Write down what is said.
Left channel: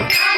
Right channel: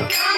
Thank you.